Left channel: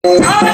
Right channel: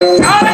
நான்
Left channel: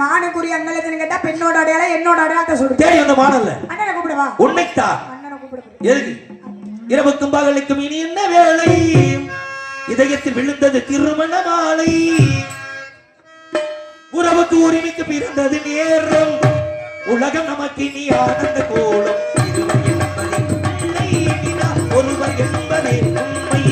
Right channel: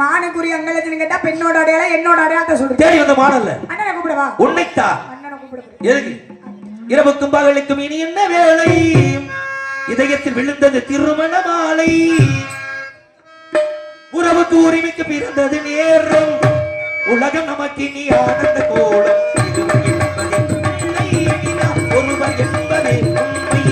மானகுரி அங்கலன்னு கேட்டா பெண்ணோட அடையாளம் என்னோட அடையாளத்தை சொல்றேன். தெரியும் அந்த மானல்ல. அண்ணா கூப்பிடுவா. உன்னைத்தா. அண்ணா கூப்பிடுறேன். எதுக்கு? இரவுக்கும் பகலுக்கும் இனி என்ன வேலை? இதயத்தில் விழுந்தது திருமண மாலை. உறவுக்கு உரிமைக்கு பிறந்தது நேரம். உலகம் நமக்கு இனி ஆனந்த கோலம். ஒருவர் என்பதே உண்மை.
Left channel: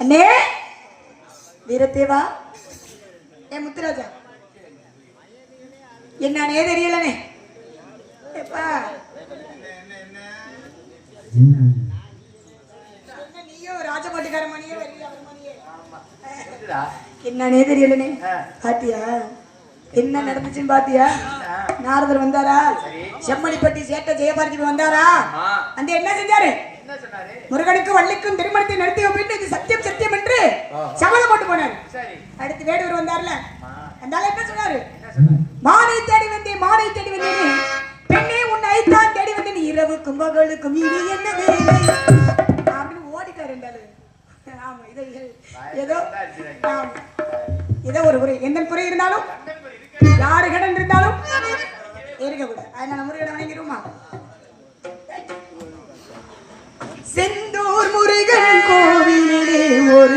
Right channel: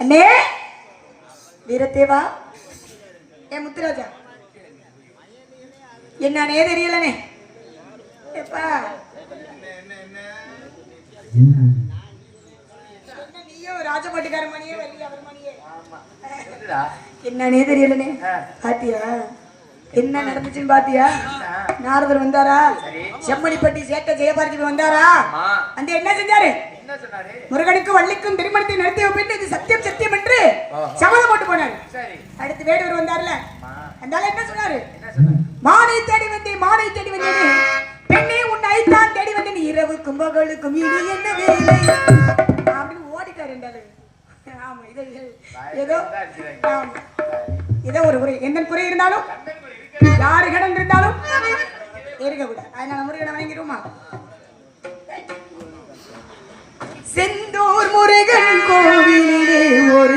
அண்ணே வீரத்தேவா ஏ முத்துராஜா என்னன்னே தெரியலனே எப்பா நீயோ ராஜபாட்டுக்கார மணியே வரல அவர் மணியே என்னன்னே தெரியலனே பாத்தியா என்ன நடந்துச்சுன்னு பாத்தியா நாரதர் வந்தாரா செம்மணிப்பட்டி சேட்ட ஜெயபாரதி வந்தாரா அந்த என்ன செஞ்சாரு முருகனுக்கு வள்ளிக்கும் திருமணத்தை நடத்தி வைப்பிட்டு இது சத்தியம் சத்தியம் என்று சபதம் போட்டு போனார். அடுத்து வேடுவர் வந்தார்ல அந்த என்ன சொன்னாரு? மானை தேடி வந்தேன் மானை தேடி வந்தேன் பெண்ணே உன் ஐத்தான் தேடி வந்தேன் இரவுக்கும் பகலுக்கும் இது என்ன வேலை அப்படின்னு ஓடிட்டாரு. ஆமா ஏதோ ஒரு குறை எந்த குறை இருந்தாலும் யாரு கடன் இருந்தாலும் இருக்கக்கூடாது. அதனால முருகனை வாங்கிடுமா? செந்தூர் முருகன் கோவிலே ஒரு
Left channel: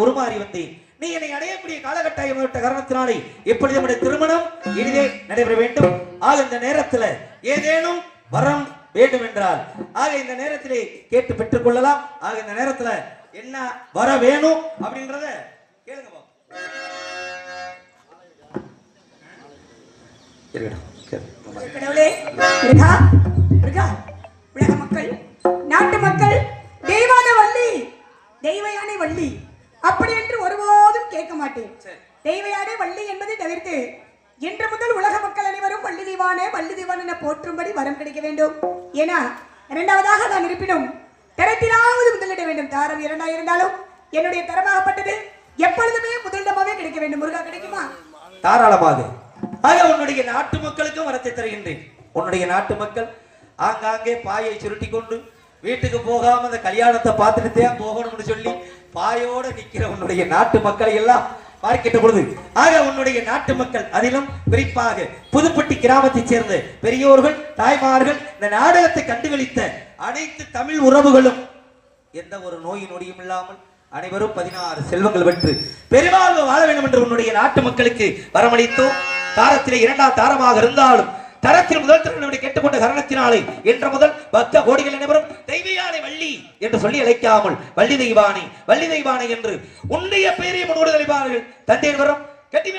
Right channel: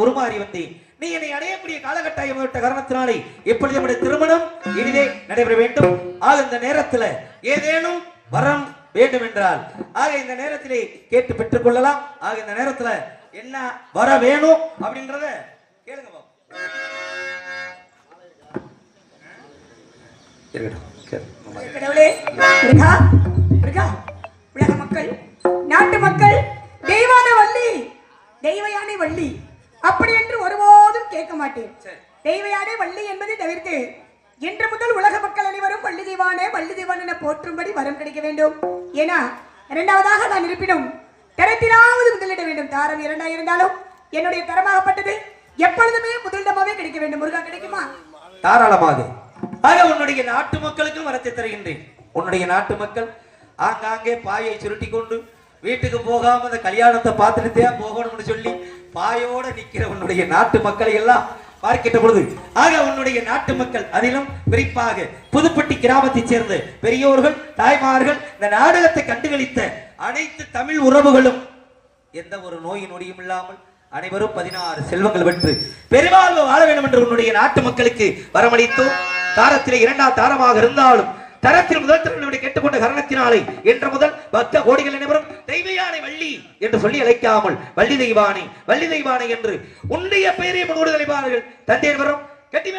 உருமாறி வந்தேன். நீ என்னை அடையக்கூடிய காலகட்டாயம் விட்ட காரணத்தினாலே எப்பொழுதும் திருமணம் இனிதே நடைபெற வேண்டும். ஆக இந்த நேரத்தில் ஏதேனும் வரம் வேண்டும் என்றால் ஆக இந்த நேரத்திலே கேட்டு பெற்றுக் கொள்ளலாம். ஆக இந்த நேரத்தில் என்ன வர வேணும் அப்படின்றத கேளுங்க. உலக மக்கள் நாட்டு மக்கள் தெய்வான வள்ளி தெய்வயானை வள்ளி அப்படி என்று ஒருபோதும் கேட்க மாட்டேன். தெய்வயானே வள்ளி என்பதை தவிர்த்து இன்று முதல் உலக மக்கள் அனைவரும் வள்ளி தெய்வான என போற்றும்படி வரம் கிடைக்க வேண்டும். ஏன்னா இரண்டாவதாக நான் இருப்பினும் தரத்திலாவது முதலிட வேண்டும். தாரம் இரண்டாக இருந்தாலும் என்னுடைய தரமாகப்பட்டது எப்பொழுதுமே முதலிடமாவே கிடைக்க வேண்டும். முருகா கிடைக்குமா? தாராளமாக. ஆக உன்னுடைய நாட்டு மக்களுக்கும் வரத்தை தருகின்றேன். உன்னுடைய நாட்டு மக்கள் ஆங்காங்கே பாயை சுருட்டி கொண்டு வீட்டுக்கு போகாம அந்த கல்யாணத்தை பார்த்துட்டு போகணும்னு சொல்லி பாயோட நிக்கிற உன்னுடைய நாட்டு மக்களை எல்லாம் பார்க்கின்ற பொழுது ஆக உன்னுடைய நாட்டு மக்கள் அதிலும் குறிப்பாக புதுப்பட்டி கிராமத்தைச் சேர்ந்த பெரியோர்கள் தாய்மார்கள் இந்த நாடகத்தை கண்டுகளித்த அனைத்து தமிழ் உறவுகளும் எந்த ஒரு நோய் நொடியும் இல்லாமல் அனைவரும் 16 செல்வங்கள் பெற்று பெருவாழ்வு வாழ வேண்டும் என்று உன்னுடைய நாட்டு மக்களுக்கு வரமளித்தோம். தாரத்திலே 2ஆம் தாரமாக இருந்தாலும் தரத்தில் முதல் திருநெல்வேலி கேட்டுக்கொண்ட காரணத்தினாலே என்ற முதல் பக்த கோடிகள் அனைவரும் தெய்வயானை வள்ளி என்று சொல்லி அழைக்காமல் வள்ளி தெய்வானை என்று உன்னுடைய பேரிய முன்னோடு தெய்வார்கள் தந்தை வரும் கட்டி